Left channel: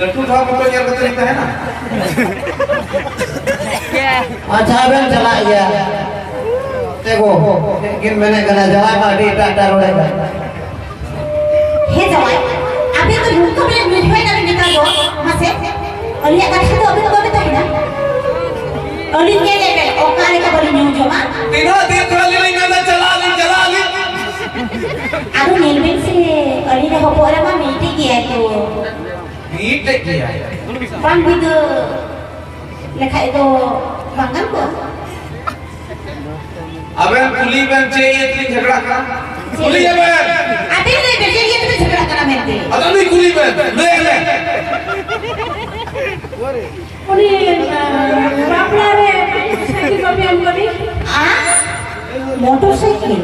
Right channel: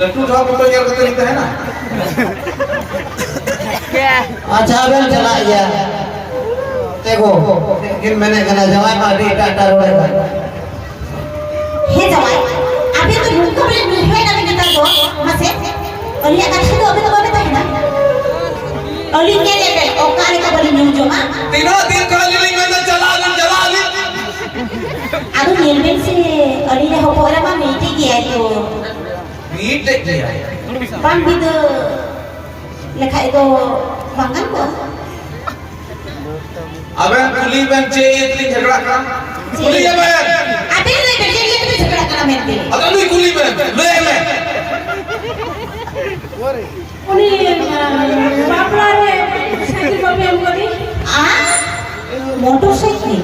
लट्टू ठाव पे यार करते रहते हैं ना। अच्छा बेल चला गया देखो लेकिन मैंने कहा जवाई पार्टी टाटा रोड़ेगा हे जवाई अभी तो मुझको मेरे मुंह में ना निकाल दो मसे और ये कच्ची तो अभी तो है ना और ये ले और काने का बड़ी न्यूज़ होगा तीनों दिन खाली मैंने चला ली अरे नीलबेन से अली ने हो पूरा में मीटिंग किया तो मीट किया बंद भी तो लिखा है तो बंगल को अबे कुली बन चाहिए इतनी झगड़ा का कुली है बहन अभी नहीं बेटे ये तो झगड़ा करना मेरे से अगर नहीं कुली बन ले ले उन्हीं बापरा रे साइकिल पर भी हम कभी आ मोटरसाइकिल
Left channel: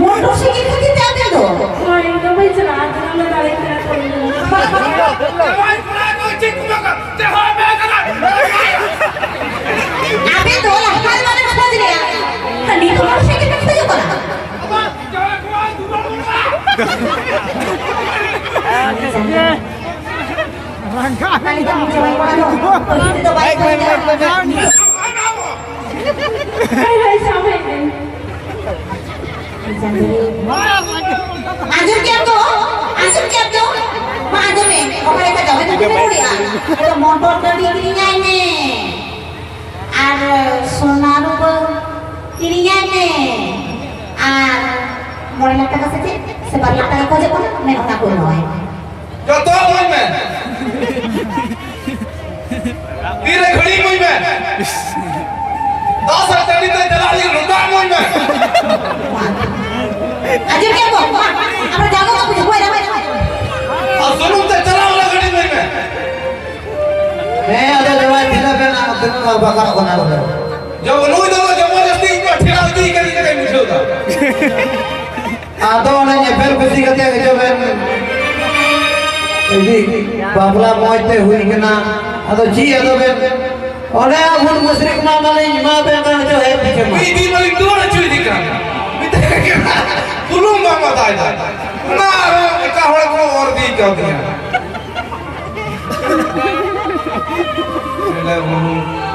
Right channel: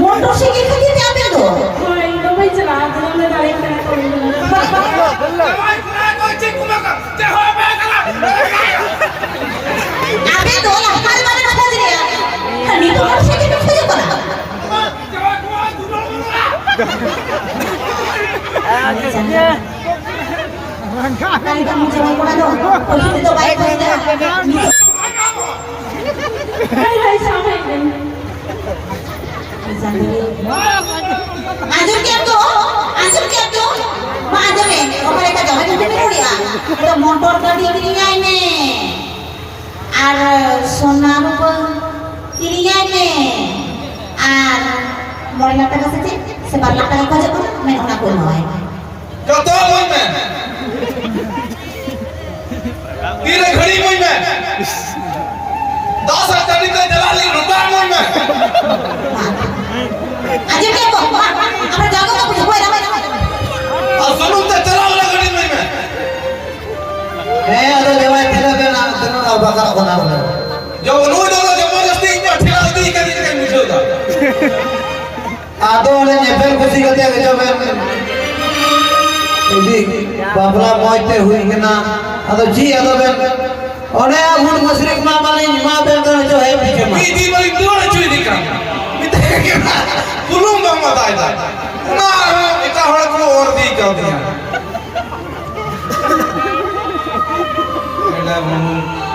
मोटरसाइकिल खरीद जाते दो कोई तो भाई चला मैं डायरेक्ट करेंगे जवाई पुरा को चिक मक ते हो बे करा अबे दो हफ्ता वाले का खोज लिया नहीं तो मोटरसाइकिल में खोज पड़ा जवाई को दूर नहीं तो मुझे नहीं पड़ा दो और ये तो बाइक खोज दे हाय सामने आजूर क्या तो माजूर में ओकरे का जवाई तो पड़िया तो मोटर गाड़ी किरिया ने আর সোনার কিরিয়া ने আর মরে লাটা কাছে সে বালা টাকা খোঁজে কোন মেন না কোন হয় जो तो कोई में तेरे घड़ी कोई में 10 हज़ार ते चला ली रुका कोई में आज क्या बोल আমরা জানো তো বুঝবো এরা और सुनो ते चला वाला घड़ी कोई में मैं अरे जवाई तेरा पे नाम तेरा नाम बकरा बना बोला जो नोई दो जबरदस्ती इनको ठेला दी कहीं कहीं मुझे होगा आदो वाले ने फिर कुछ कहते हैं जो मैं जी बाबला मोइते हुई के ना अदो जी अदो बे ओने गुण मशरिक ना माने मां बे जो है पीछे में दी मलिक दो ने चुई दी का मिते के कुलू मामा दाई दा ना एका होड़े को और दी कर दिया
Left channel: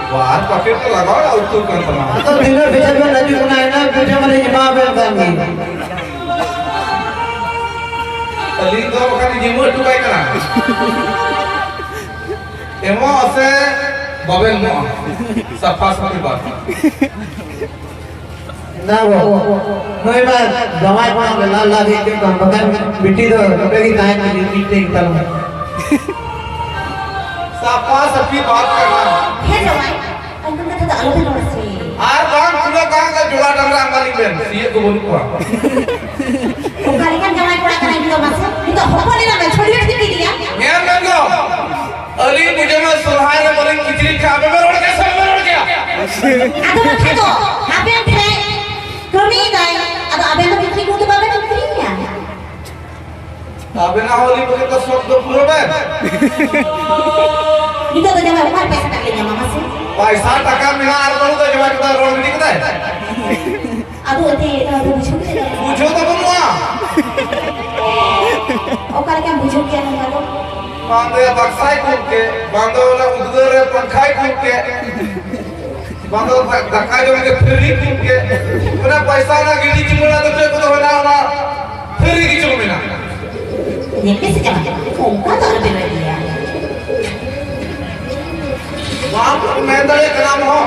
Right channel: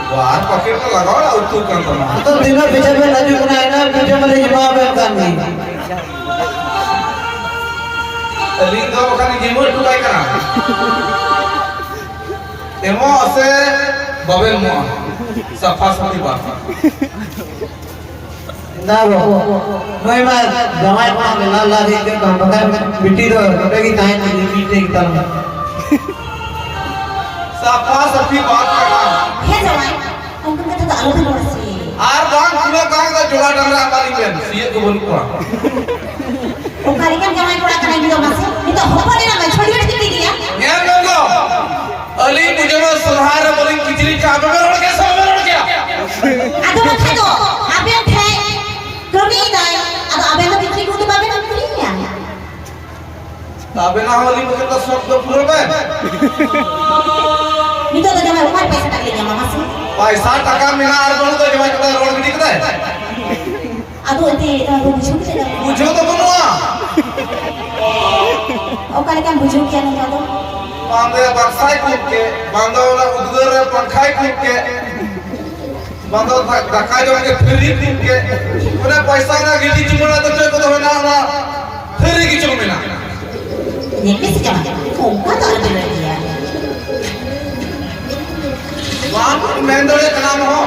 बाहर पॉकेट में लगाओ ना उतू कर दो तो दिनों पीछे में नजू ना है ना पीछे में मां बे करनी अली तो वखाने जिमो टुकाय करा एमो असे बबेल मो सफा सफी बात ना वो मैं बात जमाई को ला ला दे के बगल मिट्टी दो टोटे की ताई में मिट्टी की तरह सफा सफी बात करना हे जवाई तुम तो आलू भी से आर गांव पूरा गांव का जोड़ा डंगरा मालिक बेन ये तो बोल को ओकरे का जवाई पड़ा करना भी तो मासे नहीं तो होको देना मैं छोड़ी छोड़ी दी दिया मैं गंगो अली मुझे में सुहार बोलिंग खिचड़ी खा में रोड के सब में रोड गया आदो मत दो अबे थे कमी दाई अब अबे तो कितनी को तो बाबे तो फ्री है अबे ना होली मुझे तो सब दो पूरा में नहीं तो जवाई ऊपर पैसे टक लेंगे मामा से पैसा टका मिला यार बोलो तो जवाब का रोड में निकलता है आदो ते बुझू पूछो तो बनवा ओकरे का बुझू क्या नहीं आदो बांधे बक्साई कूद के बांधो वाला उधर पंखाई कूद के बांधो धक्का जो के फेरी कूद के उन्हें पैसा ना गिली चुमना तो जो तो होना ना फेरी की चुमना ये कैसे जमा ओका तो अबे रही है वहां मेंदड़े का नाम हो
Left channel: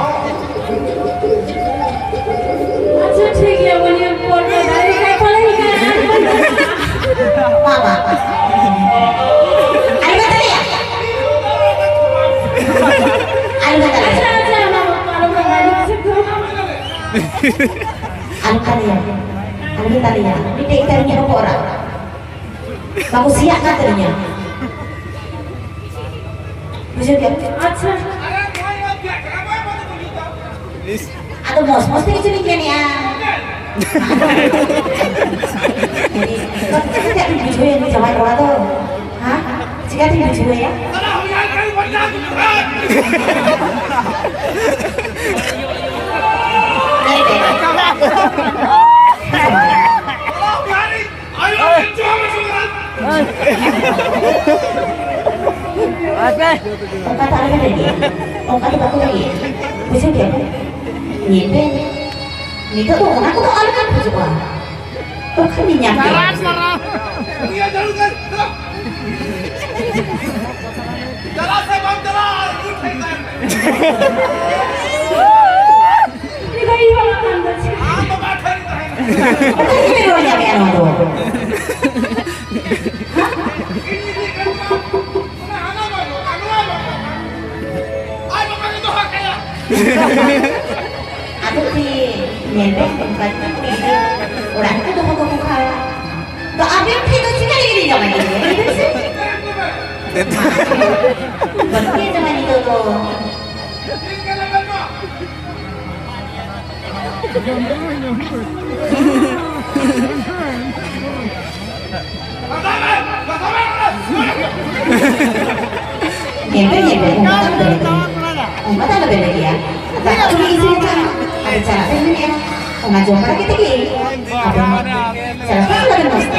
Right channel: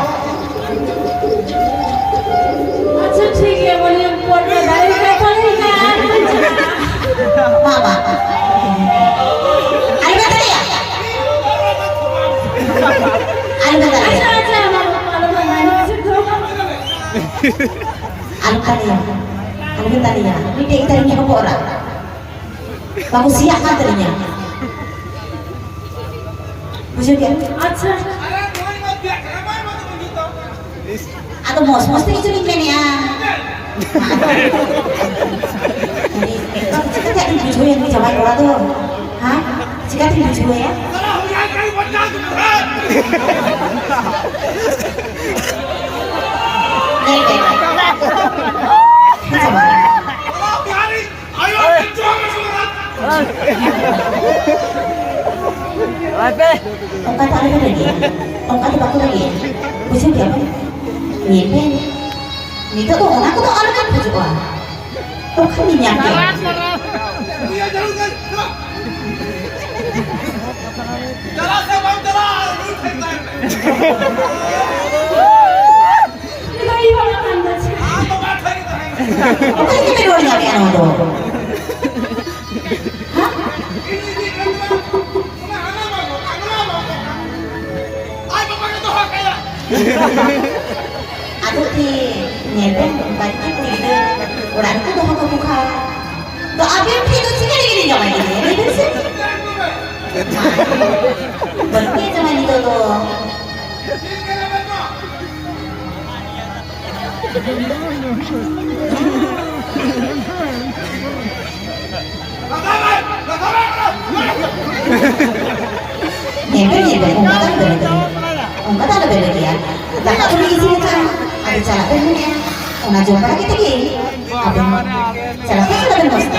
अच्छा ठीक है बोलिए कोर्ट में गाड़ी का चलेगा बाबा आई बता दिया अच्छा अच्छा ना मालूम है मैंने से तो Alun tadinya, ini tadinya apa orang? Kamu siap kan tadinya? Bujuk kan? अच्छा Atau mos tadi curi kan ya? Kita tidak bujuk yang dijawab orang tuh, hah? Jika tidak bujuk ya? Ayo, Ongkat taruh lagi. Ongkat di baku lagi. Bisa dia apa? Nyimpen. Itu tuh aku tuh anak apa coba? Tuh kan dinyampe. Iya jalan kan. Jalan saya bang jalan. Ini kayak gimana anda sih? Apa batai itu? Ongkat ini dua nyampe anak tuh. Ini di kan bang. Ay bapak itu hak kaya. Aku di nyimpen batik itu. Orang itu tuh mau buka. Tuh apa yang itu sih kali gini nyampe gini? Itu sih. Berarti zaman itu tuh. Nyimpen umat ada beda dia. Tak tahu lagi sih cara. Ada cara sendiri ya. Una jumpa kita gini. Apa? Cara apa ada mesti?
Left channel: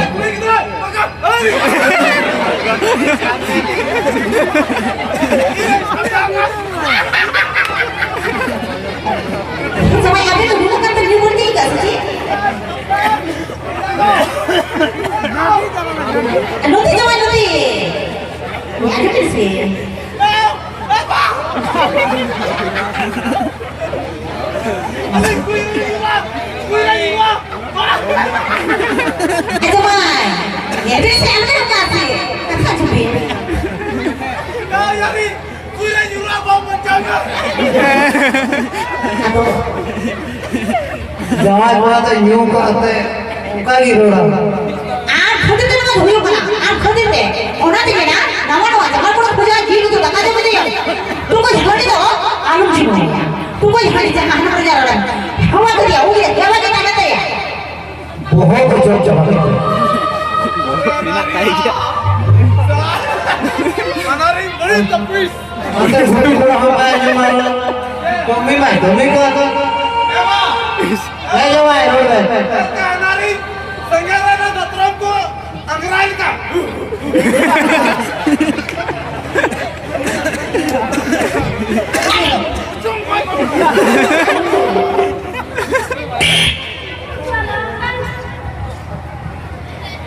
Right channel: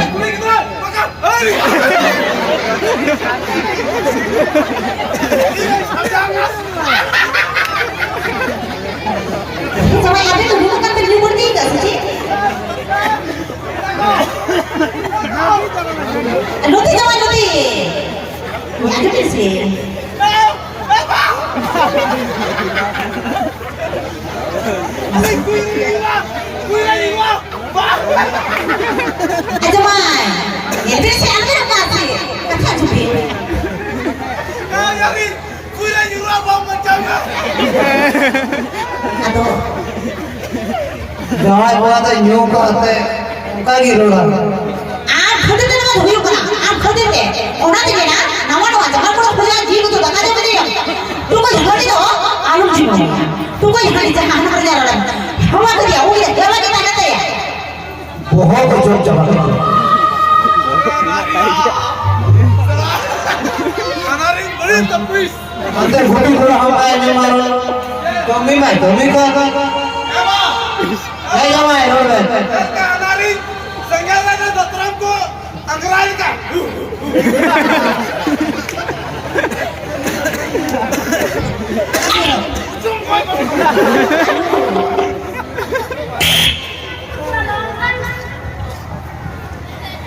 Sama yang itu dulu kan terjemur juga sih. Luti jangan luti. Ini ada di sini. Ayo man, ya dia saya ambil kasih. Kakak cuci. Yari, kuila yura bang macamnya. Aduh, Jangan buat nyum kate. Kagi roda. खुद दिन में हुई बना आप खुद दिन में ओना दिन ना नवा नवा जगह पर पूजा जी को तो बता दे मुझे तू को झगड़ी दो आलू जी में तू को झगड़ी जहां कर जा रहा है हम आ गया वो ये क्या बात करते हैं बहुत जोर चला Kanari beri tapis. अंदर घुटी को हमारे जमाना कमी में का Ema, है जमाए road kanari sengaja na datram ko angrai ka. Jom koi koi.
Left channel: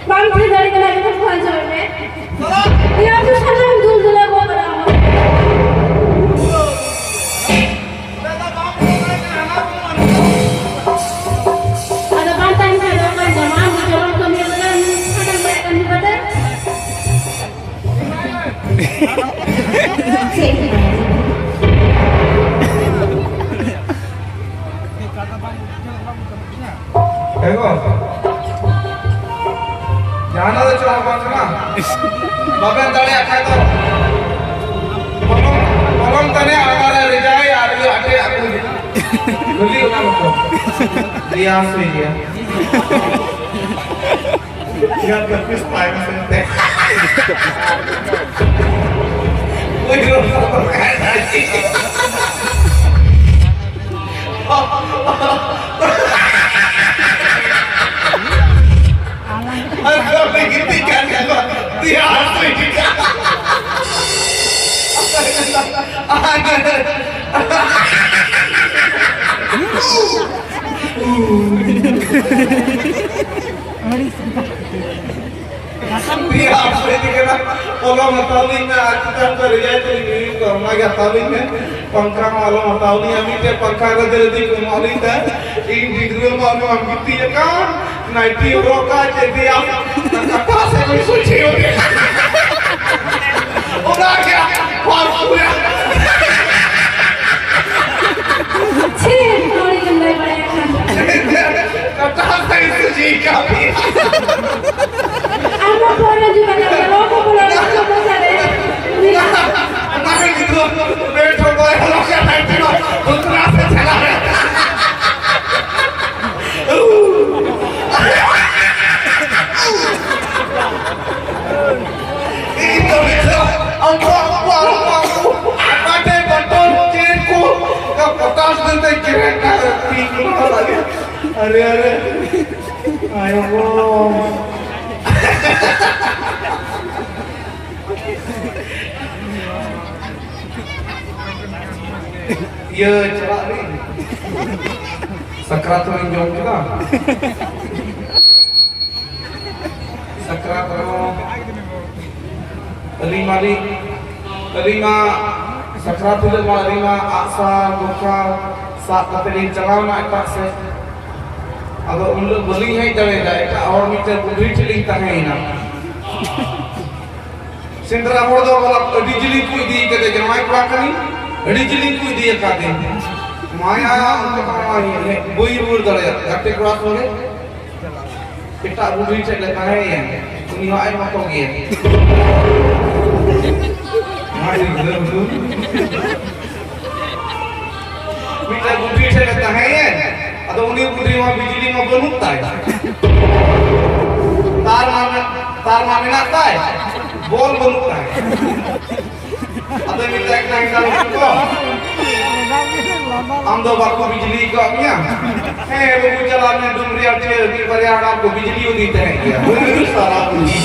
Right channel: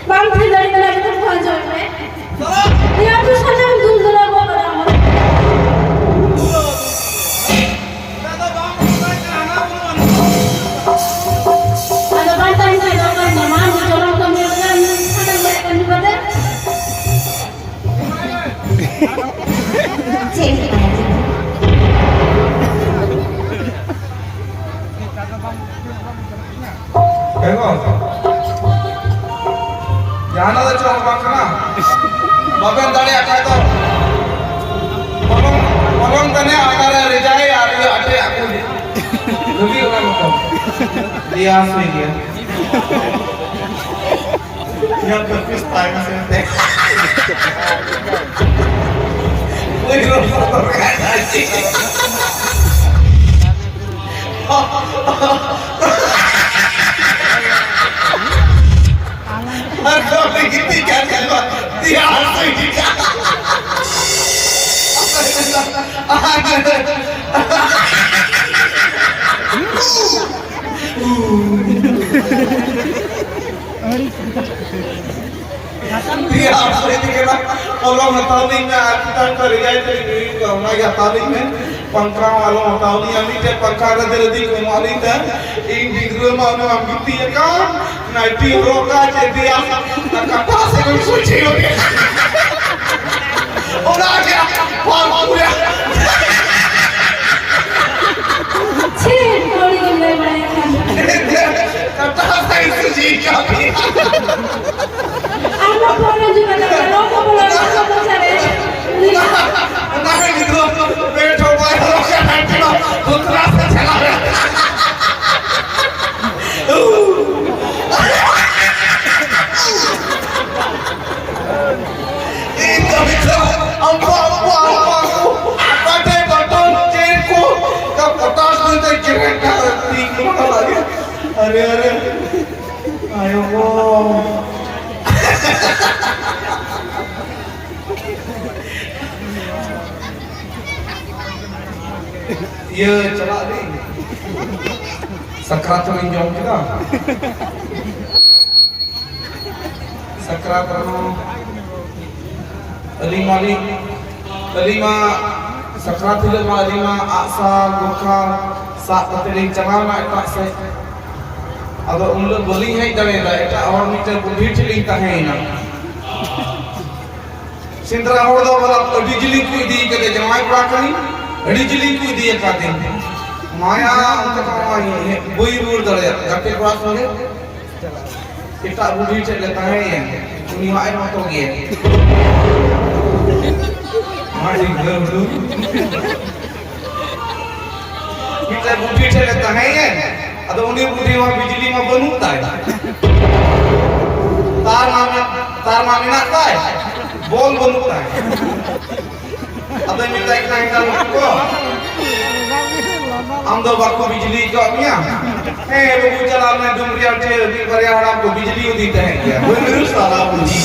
Bang tidak ada lagi tuh aja ini. Salam. Dia tuh sana dulu dulu aku ada. Dada bang ko na kana ko man. Ada kata ini ada orang zaman zaman kami kan akan juga deh. Ego. Jangan ada cuma bang kana. Bapak tadi apa itu? Tolong tanya agar rejai ada ada aku. Beli orang itu. Dia asli dia. Dia terpis time sente. Wih, orang kayak tadi. Aku begitu kan kalau dia asli juga. Dia asli juga. Kalau matauli में kita terlihat dari kalau lagi matauli में पंखा वालों matauli kami ते पंखा रदे दी कुमारी था in degree में हम कितनी kan नाइटी रोका jadi apa sih yang suci ini udah kira parah ya Cih, kalau ini banyak kata saya suci kami anak punya juga ada orang punya apa saja. nah gitu betul boy kalau saya naik itu putra saya salah itu bisa apa pakai botol cinku kau kertas nanti kira tinggal lagi are ayo Iya cerak nih. Sakrat tuh jauh kita. Sakrat lima sakrat itu lima asal duka saat terjadi celana itu se. Agar ulut beli hai dari itu orang itu beli cili tahaina. Sindra orang itu malah dijili kui di kerja jamai pelakani, dijili kui di kade. Maya untuk kami bui bur dari kapten kelas mana? Kita beli cili tahaina, ini wae matong dia. Masih belum. Kita beli cili tahaina. Atau unik budi mah bijili mah benut tay. Tar mami nak tay. Bol benut tay. Atau minta kita ko. Amdo baku bijili ko nya. Babu jalan में दुमरिया चे भी पर्यावरण को बिजली देते हैं क्या? वही सारा पूंजी.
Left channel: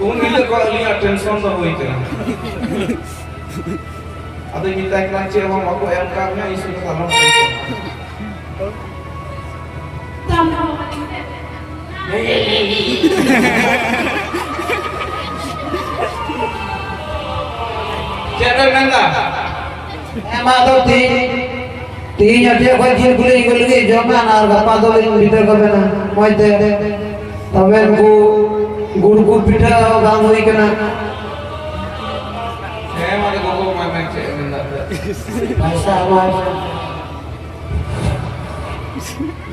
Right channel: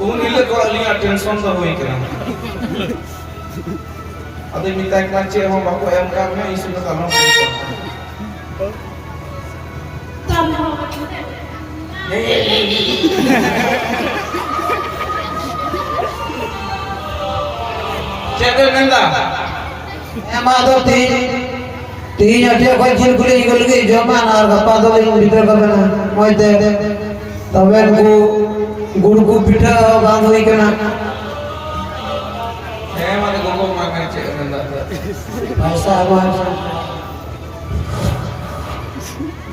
उन इले को लिया टेंशन तो होई करे. Atau minta kelanci sama baku ayam karena isi sama Cakap nanda. Emang tu ti aja kau jil kulit zaman ar apa tu yang bitar kau na, mau itu, tapi guru pita bang hui kena. Emang ada guru makan cakap nanda. Masa.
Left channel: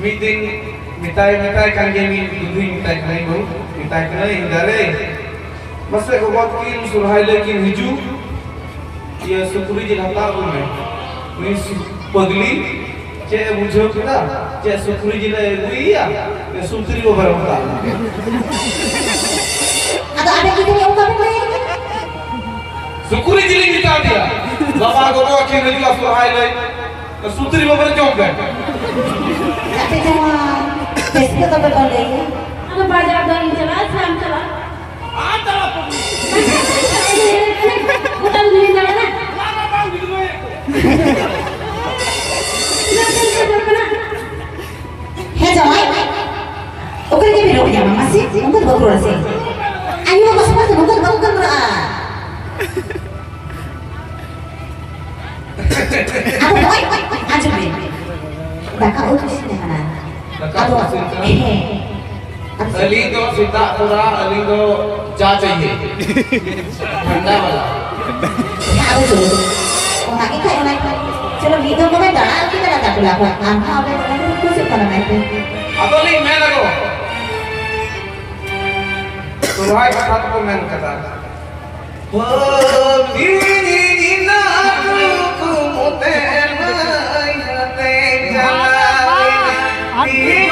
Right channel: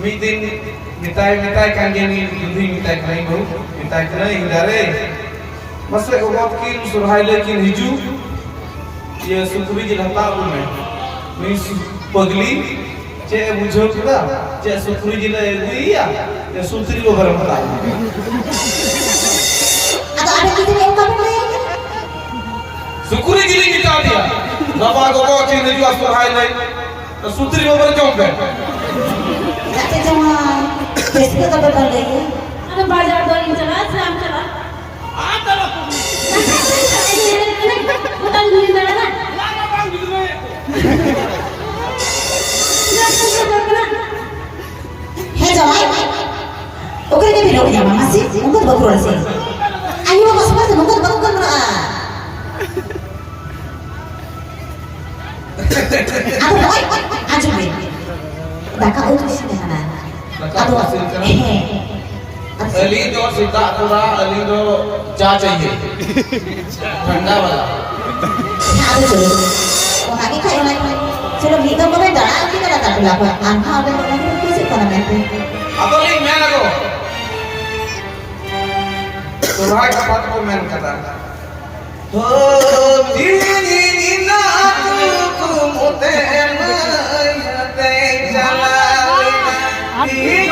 Meeting mitai kan gini mitai kali bu, mitai kali hindari. Masa ubat kin surhai lekin hiju. Ya suturi je hata punya, ni pagli, cek bujo kita, cek suturi je le iya, ya suturi lo barang pula. Ada kita yang kami lagi. Suturi je le kita dia, lama kau akhir ni juga surhai le, suturi lo barang jomben. Nanti jangan, besok kita berbalik lagi. Ada bajar dari jalan selam jalan. Ada lah pun. Utang duit jalan. Lama bang gitu ni. Hei jawai, oke ni belok ya mama sih, mungkin bagus lah sih. Ayo mas mungkin bagus kan mana? Aku baik, aja baik. Dah kau tu sih dah. Atau Ali तो सीता पूरा अली तो चा चाहिए ठंडा वाला ada tu lagi kayak mana cuma kita kau dah kita dah tak berlaku angka ada orang tu sih pada mereka atau link mana tu surhai kata tu main kata oh ini aku kumuten hati jalan ini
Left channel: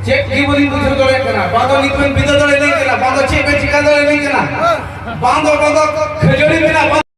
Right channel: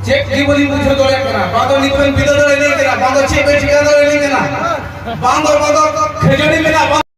Cek di beli butuh dole kena, bangdo nipun bidol dole ni kena, bangdo cek be chikan dole ni kena, bangdo khejuri mena.